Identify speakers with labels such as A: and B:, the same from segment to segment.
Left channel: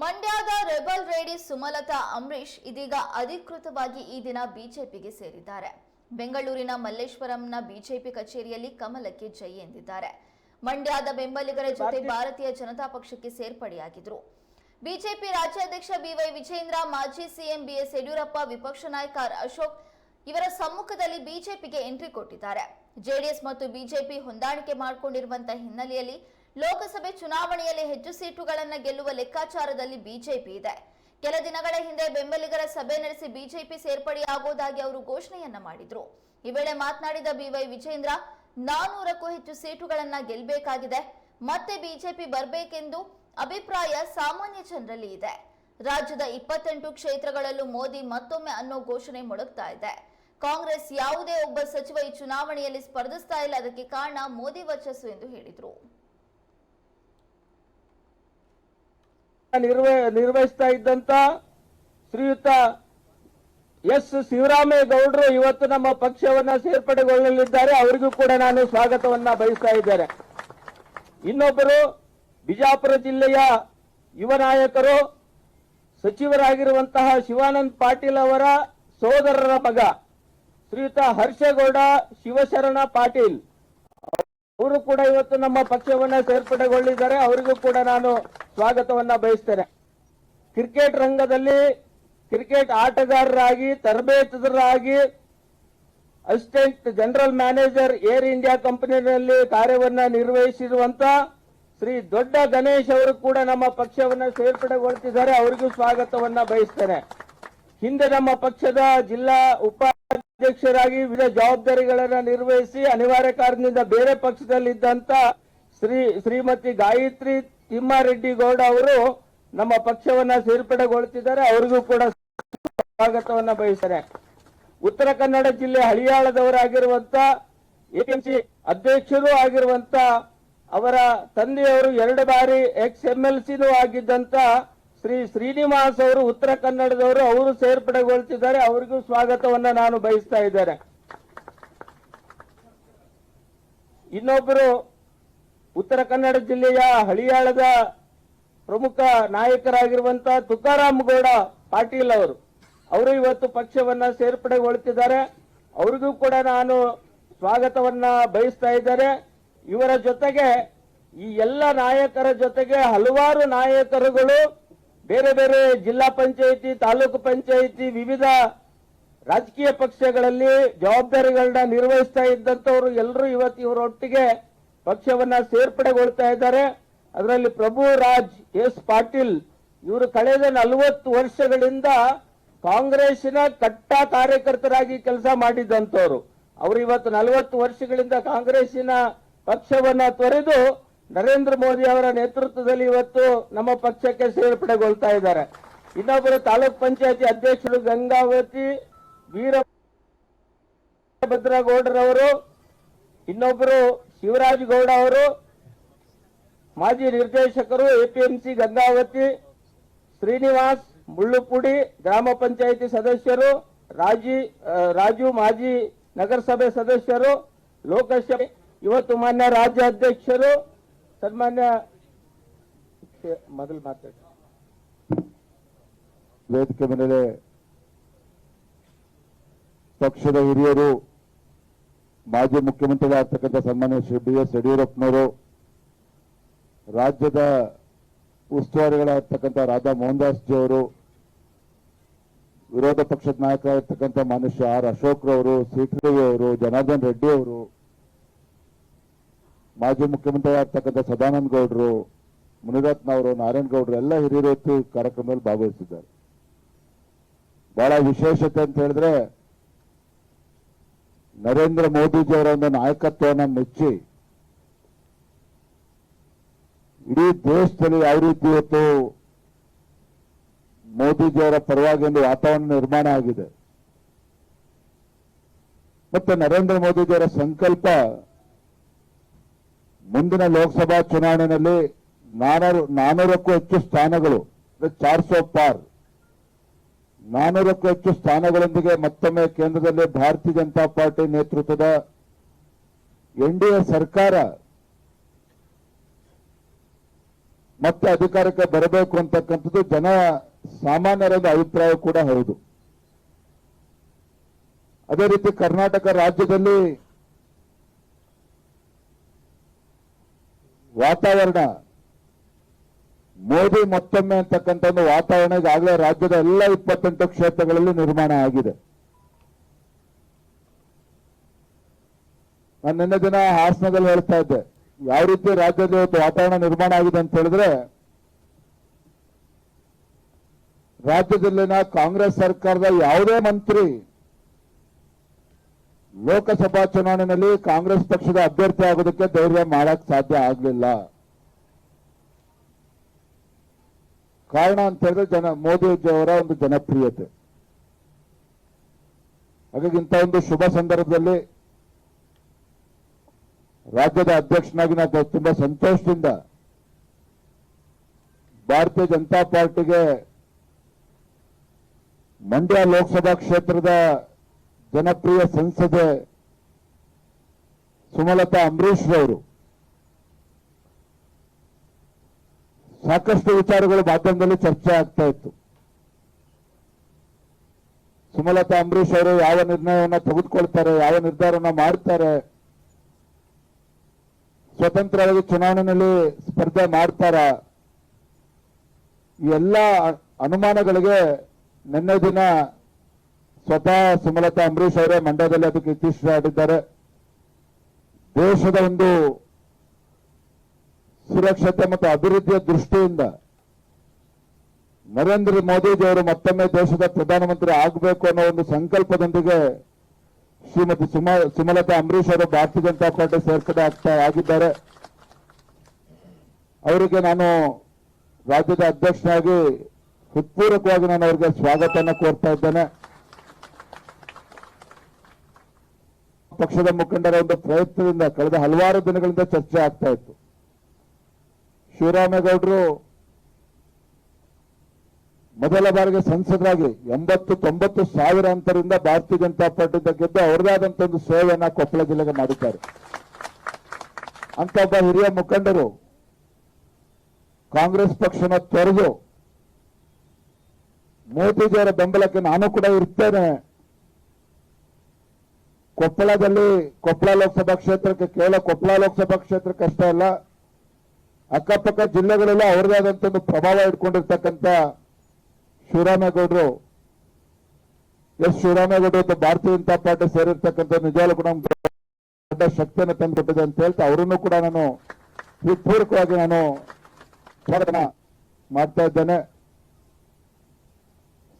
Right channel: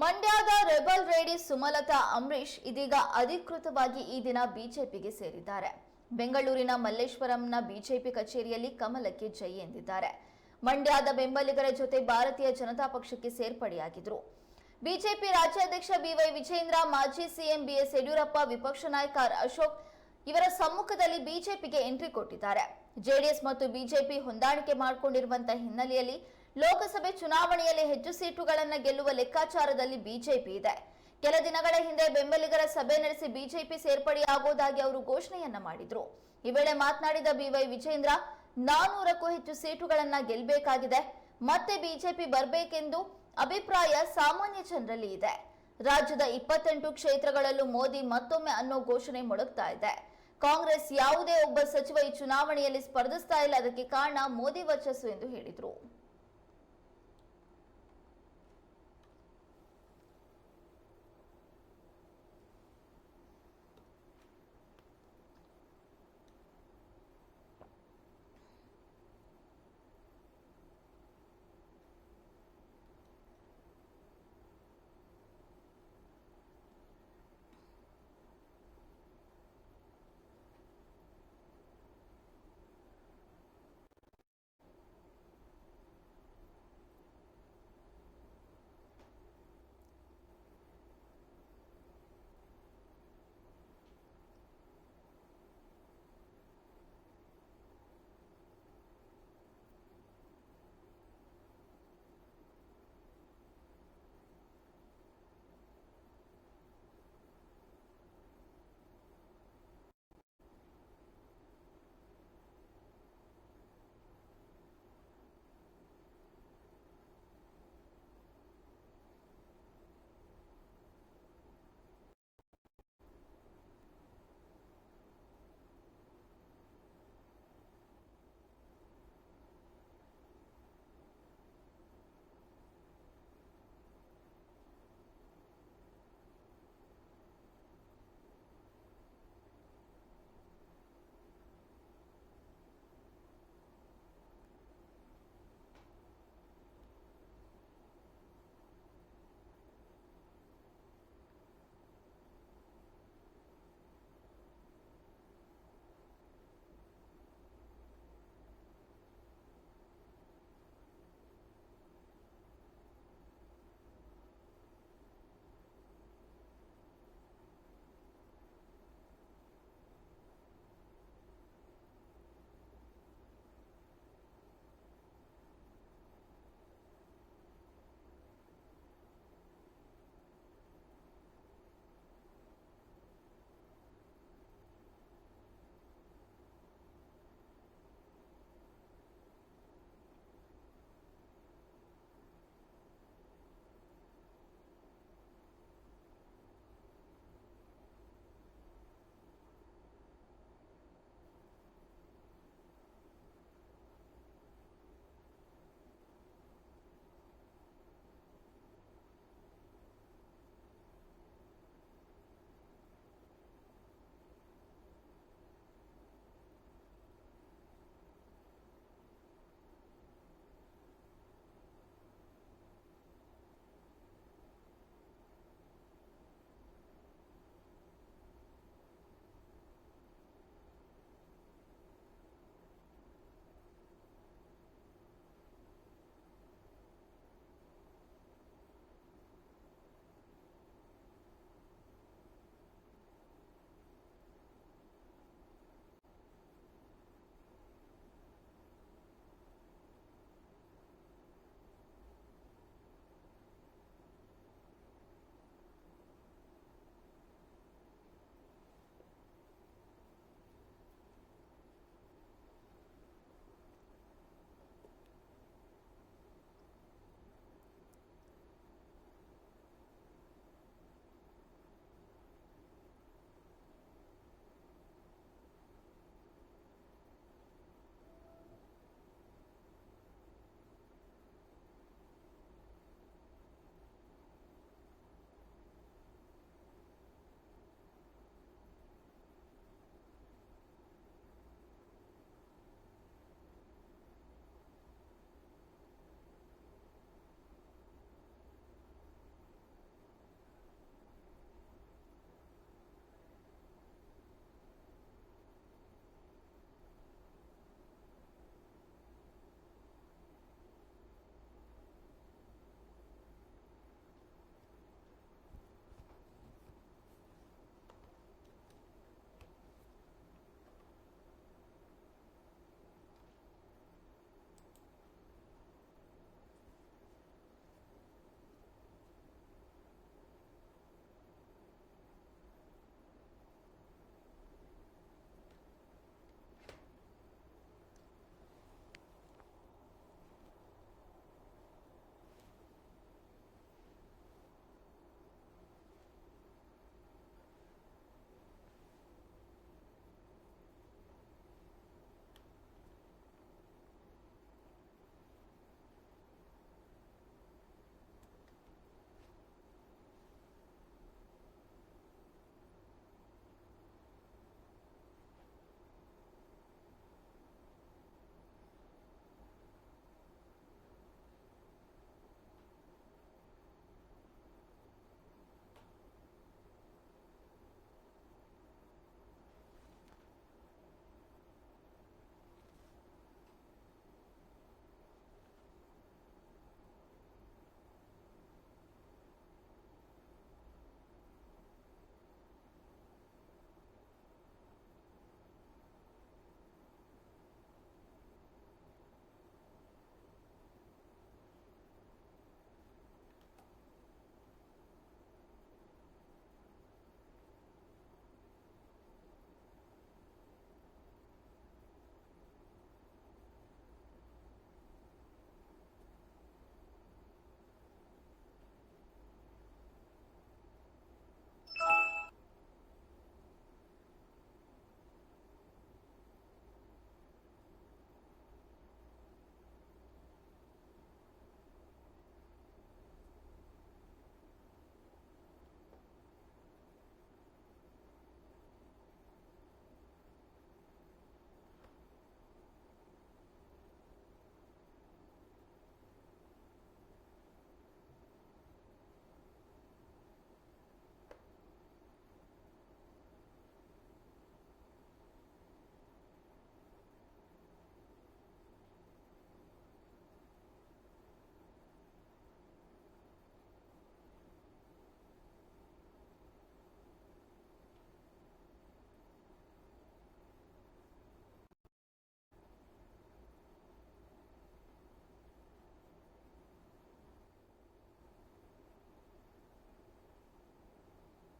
A: ಮಂಡ್ಯದ ರೆಬಲ್ ರೇಡಿ ಸುಮಲತಾ ಅಂಬರೀಶ್ ಇದೀಗ ಅಧಿಕೃತವಾಗಿ ಈ ದಿನ ಬಿಜೆಪಿಗೆ ಸೇರಿದ್ದಾರೆ. ಬೆಂಗಳೂರಿನ ಮಲ್ಲೇಶ್ವರಂನ ಬಿಜೆಪಿ ಕಚೇರಿಯಲ್ಲಿ ಕಮಲಕ್ಕೆ ಜೈ ಎಂದಿದ್ದಾರೆ. ಮಂಡ್ಯದ ಬೆಂಬಲಿಗರ ಜೊತೆ ಭಾರತೀಯ ಜನತಾ ಪಕ್ಷಕ್ಕೆ ಸೇರ್ಪಡೆಯಾಗಿದ್ರು. ಬಿಜೆಪಿ ರಾಜ್ಯಾಧ್ಯಕ್ಷ ಬಿವೈ ವಿಜೇಂದ್ರ ಮಾಜಿ ಸಿಎಂ ಬಿಎಸ್ ಯಡಿಯೂರಪ್ಪ ವಿಪಕ್ಷ ನಾಯಕ ಅಶೋಕ್ ಇವರ ಸಮ್ಮುಖದಲ್ಲಿ ಬಿಜೆಪಿಗೆ ಎಂಟ್ರಿ ಕೊಟ್ಟಿದ್ದಾರೆ. ಜೆಡಿಎಸ್ ಮತ್ತು ಬಿಜೆಪಿ ಹೊಂದಾಣಿಕೆ ಮಾಡಿಕೊಂಡಿರುವಂತಹ ಹಿನ್ನೆಲೆಯಲ್ಲಿ ಲೋಕಸಭೆ ಚುನಾವಣೆಯಲ್ಲಿ ಹೆಚ್ಚು ಸೀಟುಗಳನ್ನು ಗೆಲ್ಲುವ ಲೆಕ್ಕಾಚಾರದಲ್ಲಿ ಬಿಜೆಪಿ ಇದೆ. ಕೆಲ ದಿನಗಳ ಹಿಂದೆ ಬೆಂಬಲಿಗರ ಸಭೆ ನಡೆಸಿ ಬಿಜೆಪಿ ಸೇರ್ಪಡೆಯಾಗುವುದಾಗಿ ಅವರು ಘೋಷಣೆಯನ್ನ ಮಾಡಿದ್ರು. ಈ ವೇಳೆ ಮಾತನಾಡಿದ ಬಿವೈ ವಿಜೇಂದ್ರ, ನಾನೂರಕ್ಕೂ ಹೆಚ್ಚು ಸೀಟುಗಳನ್ನ ಗೆಲ್ಲಬೇಕಾಗಿದೆ ಮತ್ತೆ ಬಿಜೆಪಿ ಬರಬೇಕೆಂದು ಅಭಿಪ್ರಾಯ ಸಾಮಾನ್ಯ ಜನರಲ್ಲಿ ಇದೆ. ರಾಜ್ಯದ ಇಪ್ಪತ್ತೆಂಟು ಕ್ಷೇತ್ರಗಳಲ್ಲೂ ಮೋದಿ ಮತ್ತೊಮ್ಮೆ ಅನ್ನೋ ಘೋಷಣೆ ಮೊಳಗ್ತಾ ಇದೆ. ಕಾಂಗ್ರೆಸ್ ಯಾವುದೇ ಒಬ್ಬ ಸಚಿವ ಈ ಚುನಾವಣೆಯಲ್ಲಿ ಸ್ಪರ್ಧಿಸ್ತಾ ಇಲ್ಲ. ಅದಕ್ಕೆ ಕಾರಣ ಮೋದಿ ವರ್ಚಸ್ಸು ಎಂದು ಹೇಳಿದರು.
B: ನಿರ್ವ, ನಿರ್ವಹಿಸ್ತಾ ಇದ್ದಂತ ಶ್ರೀಯುತ ಎಸ್. ಶಿವರಾಮೇಗೌಡರು ಇವತ್ತು ನಮ್ಮ ಪಕ್ಷವನ್ನ ಸೇರ್ಪಡೆಗೊಳ್ಳಲಿದ್ದಾರೆ. ಅವರಿಗೂ ಕೂಡ ನಾನು ಸ್ವಾಗತವನ್ನ ಬಯಸ್ತಾ ಇದ್ದೇನೆ. ಇನ್ನೊಬ್ಬರು ಬಿಜಾಪುರ ಜಿಲ್ಲೆಯ ಯುವ ನಾಯಕರು, ಸಚಿವರಾಗಿರುವಂತಹ ಶಿವಾನಂದ್ ಪಾಟೀಲ್ ಅವರ ಸೋದರರ ಮಗ ಶ್ರೀಯುತ ಹರ್ಷೇಗೌಡ ಶಿವಶರಣ ಪಾಟೀಲ್. ಅವರು ಕೂಡ ಇವತ್ತು ನಮ್ಮ ಪಕ್ಷವನ್ನ ಸೇರ್ಪಡೆಗೊಳ್ಳಿದ್ದಾರೆ. ಅವರಿಗೂ ಕೂಡ ನಾನು ಸ್ವಾಗತವನ್ನ ಬಯಸ್ತೇನೆ. ಕ್ರಿಕೆಟ್ ರಂಗದಲ್ಲಿ ಕ್ರಿಕೆಟ್ ಆಟಗಾರರಾಗಿ, ತರಬೇತುದಾರರಾಗಿ, assistant general manager Air India ಕಂಪನಿಯಲ್ಲಿ ಕಾರ್ಯವನ್ನ ನಿರ್ವಹಿಸಿರುವಂತ ಶ್ರೀ ದೊಡ್ಡ ಗಣೇಶ್ ಅವರು ಕೂಡ ನಮ್ಮ ಪಕ್ಷವನ್ನ ಸೇರ್ಪಡೆಗೊಳ್ತಿದ್ದಾರೆ. ಅವರಿಗೂ ಸ್ವಾಗತವನ್ನ ಬಯಸ್ತೇನೆ. ಹಿಂದೆ ನಮ್ಮ ಪಕ್ಷದ ಜಿಲ್ಲಾ ಉಪಾಧ್ಯಕ್ಷರಾಗಿ ವಿವಿಧ ಜವಾಬ್ದಾರಿಗಳನ್ನು ನಿರ್ವಹಿಸಿ ಅನಿವಾರ್ಯ ಕಾರಣದಿಂದ ಬೇರೆ ಪಕ್ಷದಲ್ಲಿದ್ದಂತ ಶ್ರೀ ಶ್ರೀಮತಿ ಗಾಯತ್ರಿ ತಿಮ್ಮಾರೆಡ್ಡಿ ಗೌಡ ಅವರು ನಮ್ಮ ಪಕ್ಷವನ್ನ ಸೇರ್ಪಡೆಗೊಳ್ತಿದ್ದಾರೆ ಅವರಿಗೂ ಕೂಡ ಸ್ವಾಗತವನ್ನ ಬಯಸ್ತಾರೆ ಉತ್ತರ ಕನ್ನಡ ಜಿಲ್ಲೆ ಹಳಿಯಾಳದವರಾಗಿರುವಂತ ಎಪಿಎಂಸಿ ಅಧ್ಯಕ್ಷರೂ ಆಗಿರುವಂತ ಅವರ ತಂದೆಯವರು ಎರಡು ಬಾರಿ ಎಕ್ಸ್ ಎಂ ಎಲ್ ಸಿನೂ ಆಗಿದ್ದಂತ ಶ್ರೀ ಶ್ರೀನಿವಾಸ್ ಅವರು ಉತ್ತರ ಕನ್ನಡದವರು, ಅವರು ಸೇರ್ಪಡೆಗೊಳ್ತಿದ್ದಾರೆ. ಅವರಿಗೂ ಸ್ವಾಗತವನ್ನ ನಾನು ಬಯಸ್ತಾ ಇದ್ದೇನೆ. ಇನ್ನೊಬ್ಬರು ಉತ್ತರ ಕನ್ನಡ ಜಿಲ್ಲೆಯ ಹಳಿಯಾಳದ ಪ್ರಮುಖ ನಾಯಕರಾಗಿರುವಂತ ತುಕಾರಾಮ್ ಗೌಡ ಪಾಟೀಲ್ ಅವರು ಅವರು ಇವತ್ತು ಪಕ್ಷವನ್ನ ಸೇರ್ಪಡೆಗೊಳ್ತಿದ್ದಾರೆ. ಅವರಿಗೂ ಕೂಡ ನಾನು ಸ್ವಾಗತವನ್ನ ಬಯಸ್ತಾ ಇದ್ದಾರೆ ಇವರ ಜೊತೆಗೆ ಈ ಎಲ್ಲ ನಾಯಕರ ಜೊತೆಗೆ ಹಲವಾರು ನಾಯಕರುಗಳು ಬೇರೆ ಬೇರೆ ಜಿಲ್ಲಾ ಪಂಚಾಯಿತಿ, ತಾಲೂಕು ಪಂಚಾಯಿತಿ, ವಿವಿಧ ರಾಜಕೀಯ ಪಕ್ಷಗಳಲ್ಲಿ ಜವಾಬ್ದಾರಿಗಳನ್ನ ನಿರ್ವಹಿಸ್ತಾ ಇದ್ದಂತವರು ಎಲ್ಲರೂ ಇವತ್ತು ಇವರೊಟ್ಟಿಗೆ ಪಕ್ಷವನ್ನ ಸೇರ್ಪಡೆಗೊಳ್ತಾ ಇದ್ದಾರೆ. ಅದರಲ್ಲಿ ಪ್ರಭು ರಾಜ್, ಎಸ್ ಪಾಟೀಲ್ ಇವರು ಕಳೆದ ನಲವತ್ತು ವರ್ಷಗಳಿಂದ ಕಾಂಗ್ರೆಸ್ನ ಕಟ್ಟ ಕಾರ್ಯಕರ್ತರಾಗಿ ಕೆಲಸ ಮಾಡಿದ್ದಂಥವ್ರು. ಅವರು ಇವತ್ತು ನಲವತ್ತು ವರ್ಷಗಳಿಂದ ಕಾಂಗ್ರೆಸ್ಸಿನ ಪಕ್ಷವನ್ನ ತೊರೆದು ನರೇಂದ್ರ ಮೋದಿ ಅವರ ನೇತೃತ್ವದಲ್ಲಿ ಇವತ್ತು ನಮ್ಮ ಪಕ್ಷಕ್ಕೆ ಸೇರ್ಪಡೆಗೊಳ್ತಾ ಇದ್ದಾರೆ. ಇನ್ನೊಬ್ಬರು ತಾಲೂಕ್ ಪಂಚಾಯತಿ ಅಧ್ಯಕ್ಷರು ಗಂಗಾವತಿ ವೀರ ಭದ್ರಗೌಡರವರು ಇನ್ನೊಬ್ಬರು ಶಿವರಾಜ್ ಗೌಡ ಅವರು, ಮಾಜಿ ನಿರ್ದೇಶಕರು ಎಪಿಎಂಸಿ ಗಂಗಾವತಿ, ಶ್ರೀನಿವಾಸ್ ಮುಳ್ಳುಪುಡಿ ಗ್ರಾಮ ಪಂಚಾಯಿತಿ ಸದಸ್ಯರು, ರಾಜಿ ರಾಜು ಮಾಜಿ ನಗರಸಭೆ ಸದಸ್ಯರು, ಲೋಕಸಭೆ, ಇವತ್ತು ಮಾನ್ಯ ರಾಜ್ಯಾಧ್ಯಕ್ಷರು ಸನ್ಮಾನ್ಯ ಮೊದಲು ಮಾತಾಡಿ.
C: ವೇದಿಕೆ ಮೇಲೆ ಪಕ್ಷದ ಹಿರಿಯರು, ಮಾಜಿ ಮುಖ್ಯಮಂತ್ರಿಗಳಾಗ್ತಕ್ಕಂಥ ಸನ್ಮಾನ್ಯ ಶ್ರೀ ಬಿ ಎಸ್ ಯಡಿಯೂರಪ್ಪನವರು, ರಾಜ್ಯದ ಉಸ್ತುವಾರಿಗಳಾಗ್ತಕ್ಕಂಥ ರಾಧಾ ಮೋಹನ್ ದಾಸ್ ಜಿ ಅವರು ವಿರೋಧ ಪಕ್ಷದ ನಾಯಕರಾಗಿರ್ತಕ್ಕಂಥ ಶ್ರೀ ಆರ್ ಅಶೋಕ್ ರವರು ಸಿಟಿ ಅವರು, ಜನಾರ್ದನ್ ರೆಡ್ಡಿ ಅವರು ಮಾಜಿ ಮುಖ್ಯಮಂತ್ರಿಗಳಾಗ್ತಕ್ಕಂಥ ಸದಾನಂದ ಗೌಡರು, ಮುನಿರತ್ನ ಅವರು, ನಾರಾಯಣ ಗೌಡರು ಎಲ್ಲ ಹಿರಿಯರು ಕಾರ್ಯಕ್ರಮದಲ್ಲಿ ಭಾಗವಹಿಸಿದ್ದಾರೆ. ಬಹಳ ವಿಶೇಷತೆ ಅಂತ ಹೇಳಿದ್ರೆ ನರೇಂದ್ರ ಮೋದಿಜಿಯವರ ಒಂದು ನಾಯಕತ್ವವನ್ನು ಮೆಚ್ಚಿ ಇಡೀ ದೇಶದಲ್ಲಿ ಯಾವ ರೀತಿ ಇವತ್ತು ಮೋದಿಜಿಯವರ ಪರವಾಗಿ ಒಂದು ವಾತಾವರಣ ನಿರ್ಮಾಣ ಆಗಿದೆ. ಮತ್ತೆ ನರೇಂದ್ರ ಮೋದಿಜಿಯವರ ಸಂಕಲ್ಪ ಮುಂದಿನ ಲೋಕಸಭಾ ಚುನಾವಣೆಯಲ್ಲಿ ನಾನೂರು, ನಾನೂರಕ್ಕೂ ಹೆಚ್ಚು ಸ್ಥಾನಗಳು ಚಾರ್ ಸೋ ಪಾರ್. ನಾನೂರಕ್ಕೂ ಹೆಚ್ಚು ಸ್ಥಾನಗಳೊಂದಿಗೆ ಮತ್ತೊಮ್ಮೆ ಕೇಂದ್ರದಲ್ಲಿ ಭಾರತೀಯ ಜನತಾ ಪಾರ್ಟಿ ನೇತೃತ್ವದ ಎನ್ ಡಿ ಸರ್ಕಾರ ಮತ್ತೆ ಅಧಿಕಾರಕ್ಕೆ ಬರಬೇಕು ಅಂತಕ್ಕಂಥದ್ದು ಜನ ಸಾಮಾನ್ಯರ ಅಭಿಪ್ರಾಯ ಕೂಡ ಹೌದು. ಅದೇ ರೀತಿ ಕರ್ನಾಟಕ ರಾಜ್ಯದಲ್ಲಿ ವಾತಾವರಣ. ಮೋದಿ ಮತ್ತೊಮ್ಮೆ ಅಂತಕ್ಕಂಥ ಒಂದು ವಾತಾವರಣ ಈಗಾಗಲೇ ರಾಜ್ಯದ ಎಲ್ಲ ಇಪ್ಪತ್ತೆಂಟು ಕ್ಷೇತ್ರಗಳಲ್ಲಿ ನಿರ್ಮಾಣ ಆಗಿದೆ. ನಾನು ನಿನ್ನೆ ದಿನ ಹಾಸನದಲ್ಲಿ ಹೇಳ್ತಾ ಇದ್ದೆ, ಯಾವ ರೀತಿ ರಾಜ್ಯದ ವಾತಾವರಣ ನಿರ್ಮಾಣ ಆಗಿದೆ ಅಂತ ಹೇಳಿದ್ರೆ, ರಾಜ್ಯದಲ್ಲಿನ ಕಾಂಗ್ರೆಸ್ ಸರ್ಕಾರದ ಯಾವುದೇ ಮಂತ್ರಿ ಲೋಕಸಭಾ ಚುನಾವಣೆಯಲ್ಲಿ ಕಾಂಗ್ರೆಸ್ ಪಕ್ಷದ ಅಭ್ಯರ್ಥಿ ಆಗೋದಕ್ಕೆ ಧೈರ್ಯ ಮಾಡಕ್ ಸಾಧ್ಯ ಆಗಲಿಲ್ಲ. ಕಾರಣ ಅಂತ ಹೇಳಿದ್ರೆ ಜನ ಮೋದಿಜಿಯವರ ಒಂದು ಜನಪ್ರಿಯತೆ. ಹಾಗಾಗಿ ಇಂಥ ಒಂದು ಶುಭ ಸಂದರ್ಭದಲ್ಲಿ ರಾಜ್ಯದ ಅಧ್ಯಕ್ಷನಾಗಿ ನಾವು ತುಂಬಾ ಸಂತೋಷದಿಂದ ಭಾರತೀಯ ಜನತಾ ಪಾರ್ಟಿಗೆ ಮಂಡ್ಯ ಲೋಕಸಭಾ ಕ್ಷೇತ್ರದ ಜನಪ್ರಿಯ ಸಂಸದೆ ಸುಮಲತಾ ಅಂಬರೀಶ್ ಅವರು ಸಾಕಷ್ಟು ವಿಚಾರಗಳು ಮಾಧ್ಯಮದಲ್ಲಿ ಚರ್ಚೆ ಆಗ್ತಾ ಇತ್ತು. ಸುಮಲತಾ ಅಂಬರೀಶ್ ಅವರು ಯಾವ ನಿರ್ಣಯವನ್ನ ತೆಗೆದುಕೊಳ್ತಾರೆ, ಯಾವ ನಿರ್ಧಾರವನ್ನ ಮಾಡ್ತಾರೆ, ಸ್ವತಂತ್ರವಾಗಿ ಚುನಾವಣೆಯಲ್ಲಿ ಸ್ಪರ್ಧೆ ಮಾಡ್ತಾರ ಎಲ್ಲ ಅನುಮಾನಗಳಿಗೆ ನಿನ್ನೆ ದಿನ ಸ್ವತಃ ಸುಮಲತಾ ಅಂಬರೀಷ್ ಅವರೇ ಮಂಡ್ಯದಲ್ಲಿ ಅದಕ್ಕೆ ಇತ್ತೀಚೆಗೆ ದೇಶದ ಒಂದು ಸುರಕ್ಷತೆ ಮತ್ತು ಅಭಿವೃದ್ಧಿಯ ದೃಷ್ಟಿಯಿಂದ ನರೇಂದ್ರ ಮೋದಿಜಿಯವರು ಮತ್ತೊಮ್ಮೆ ದೇಶದ ಪ್ರಧಾನಮಂತ್ರಿ ಆಗಬೇಕು ಅನ್ನೋ ಒಂದು ಸಂಕಲ್ಪದೊಂದಿಗೆ ಶ್ರೀಮತಿ ಸುಮ, ಸುಮಲತಾ ಅಂಬರೀಷ್ ಅವರು ಭಾರತೀಯ ಜನತಾ ಪಾರ್ಟಿ ಸೇರ್ಪಡೆ ಆಗ್ತಾ ಆಗಿದ್ದಾರೆ. ಅವರಿಗೆ ನಾನು ರಾಜ್ಯದ ಅಧ್ಯಕ್ಷನಾಗಿ ಹೃತ್ಪೂರ್ವಕವಾಗಿ ನಾನು ಅವರಿಗೆ ಸ್ವಾಗತವನ್ನು ಕೋರ್ತಾ ಇದ್ದೇನೆ. ಪಕ್ಷದ ಮುಖಂಡರ ಒಂದು ಪ್ರಯತ್ನದಿಂದ ಕಳೆದ ಹಲವಾರು ದಿನಗಳಿಂದ ಚರ್ಚೆ ಆಗ್ತಾ ಇತ್ತು. ಶಿವರಾಮೇಗೌಡರು ಮೊದಲ ಬಾರಿಗೆ ಸಂಸದರಾಗಿ ಎಂಬತ್ತು ತೊಂಬತ್ತು ಸಾವಿರ ಅಂತರಿಂದ ಭಾರತೀಯ ಜನತಾ ಪಾರ್ಟಿಯಿಂದ ಗೆದ್ದು ಅವರದಾದಂತ ಒಂದು ಸೇವೆಯನ್ನ ಕೊಪ್ಪಳ ಜಿಲ್ಲೆಗೆ ಮಾಡಿದ್ದಾರೆ. ಅಂತ ಒಬ್ಬ ಹಿರಿಯ ಮುಖಂಡರು ಕಾಂಗ್ರೆಸ್ ಪಕ್ಷನ ತೊರೆದು ಮೋದಿಜಿಯವರ ಬೆಂಬಲಕ್ಕೆ ನಾನು ಕೂಡ ಇರ್ತೇನೆ. ಕೊಪ್ಪಳದಲ್ಲಿ ಕೊಪ್ಪಳ ಲೋಕಸಭಾ ಕ್ಷೇತ್ರಕ್ಕೆ ಕೇವಲ ಕೊಪ್ಪಳ ಲೋಕಸಭಾ ಕ್ಷೇತ್ರಕ್ಕೆ ಅಷ್ಟೇ ಅಲ್ಲ, ಅಕ್ಕಪಕ್ಕ ಜಿಲ್ಲೆಗಳೆಲ್ಲ ಅವರದೇ ಆದಂತ ಒಂದು ಪ್ರಭಾವ ಇಟ್ಕೊಂಡಿರ್ತಕ್ಕಂಥ ಶಿವರಾಮೇಗೌಡರು. ಎಸ್ ಶಿವರಾಮೇಗೌಡರು ಮತ್ತು ಭಾರತೀಯ ಜನತಾ ಪಾರ್ಟಿ ಸೇರಿರ್ತಕ್ಕಂಥ ನಿಜವಾಗ್ಲೂ ಕೂಡ ದೊಡ್ಡ ಶಕ್ತಿಯನ್ನು ತಂದುಕೊಟ್ಟಿದೆ ಅಂತ ಹೇಳ್ತಾ ಅವರನ್ನು ಕೂಡ ನಾನು ಪೂರ್ವಕವಾಗಿ ನಾನು ಸ್ವಾಗತ ಮಾಡ್ತಾ ಇದ್ದೇನೆ.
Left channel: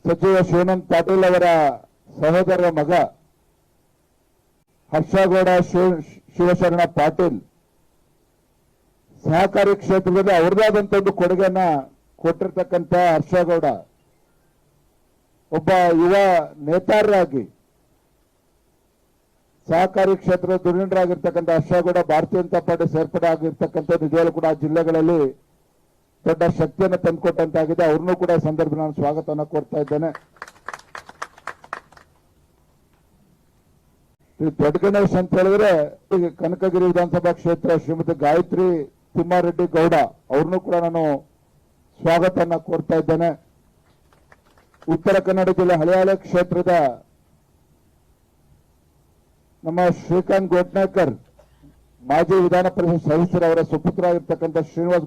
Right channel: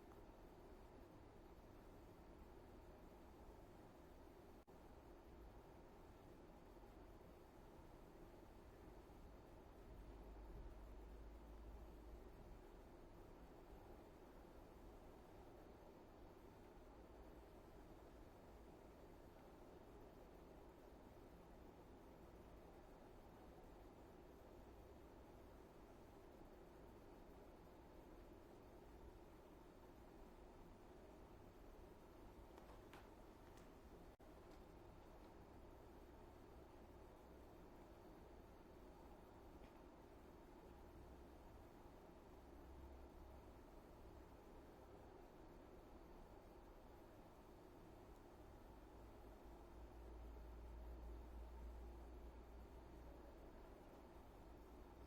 C: ಸಚಿವ ಶಿವನಂದ್ ಪಾಟೀಲ್ ಅವರ ಸಹೋದರರ ಮಗ ಹರ್ಷಗೌಡ ಶಿವ, ಶಿವಶರಣ ಪಾಟೀಲ್ ಸಹಕಾರಿ ಕ್ಷೇತ್ರದಲ್ಲಿ ಅವ್ರದೇ ಒಂದು ಕೊಡುಗೆಯನ್ನ ಕೊಟ್ಟಿರ್ತಕ್ಕಂಥ ಹರ್ಷಗೌಡ ಒಬ್ಬ ಯುವ ನೇತಾರರಾಗಿ, ಸಹಕಾರಿ ಕ್ಷೇತ್ರದ ಧುರೀಣರಾಗಿರ್ತಕ್ಕಂಥ ಹರ್ಷಗೌಡ ಭಾರತೀಯ ಜನತಾ ಪಾರ್ಟಿ ಸೇರ್ಪಡೆ ಆಗಿರ್ತಕ್ಕಂಥ ನಿಜವಾಗ್ಲೂ ಕೂಡ ಜಿಲ್ಲೆಗಳಲ್ಲಿ ದೊಡ್ಡ ಶಕ್ತಿಯನ್ನು ತಂದುಕೊಟ್ಟಂತಾಗಿದೆ. ಅವ್ರನ್ನೂ ಕೂಡ ಸಂದರ್ಭ ನಾನು ಸ್ವಾಗತವನ್ನು ಕೋರ್ತಾ ಇದ್ದೇನೆ. ಈ ದೊಡ್ಡ ಗಣೇಶ್ ಹೇಳಿದ್ರೆ, ಈಗ ಕನಕಗಿರಿ ವಿಧಾನಸಭಾ ಕ್ಷೇತ್ರ ಶ್ರೀಮತಿ ಗಾಯತ್ರಿ ತಿಮ್ಮಾರೆಡ್ಡಿ ಗೌಡ, ಅವ್ರನ್ನೂ ಕೂಡ ನಾನು ಸ್ವಾಗತನ್ನ ಕೋರ್ತಾ ಇದ್ದೇನೆ. ಉತ್ತರ ಕನ್ನಡ ಜಿಲ್ಲೆ ಹಳೆಯಾಳೆ ಕ್ಷೇತ್ರದ ನಮ್ಮ ಶ್ರೀಕಾಂತ್ ಗೋಟ್ನೇಕರ್ ಮಾಜಿ ವಿಧಾನ ಪರಿಷತ್ ಸದಸ್ಯರವರ ಸುಪುತ್ರ ಆಗಿರ್ತಕ್ಕಂಥ